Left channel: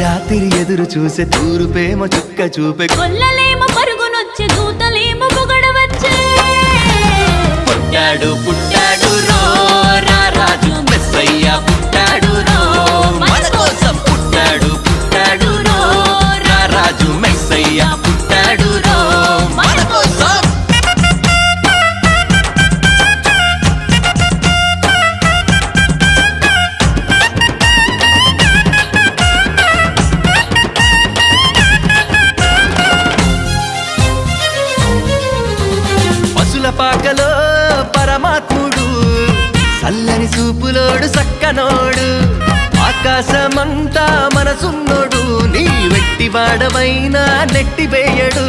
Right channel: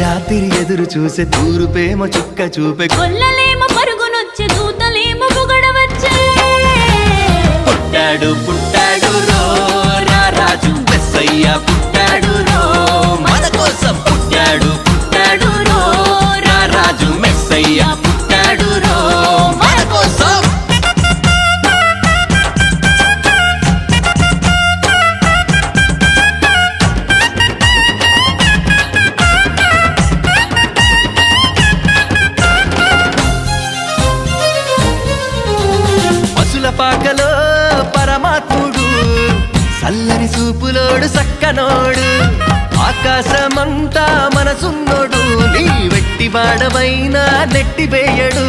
రాత్రి ఎదురు చూసే తూరుపేమ చుక్క చూపే కొల్లలేమో పరుగునొచ్చే దూతలేమో పొగడవచ్చే పుట్టాడు పుట్టాడు రో రారాజు మెస్సయ్య పుట్టాడు రో మన కోసం పుట్టాడు పుట్టాడు రో రారాజు మెస్సయ్య పుట్టాడు రో మన కోసం పసుల పాకలో పరమాత్ముడు చల్లని సూపులోడు సక్కనోడు ఆకాశమంతా మనసున్నోడు నీ వెట్టివాడవైనా నెట్టివేయడు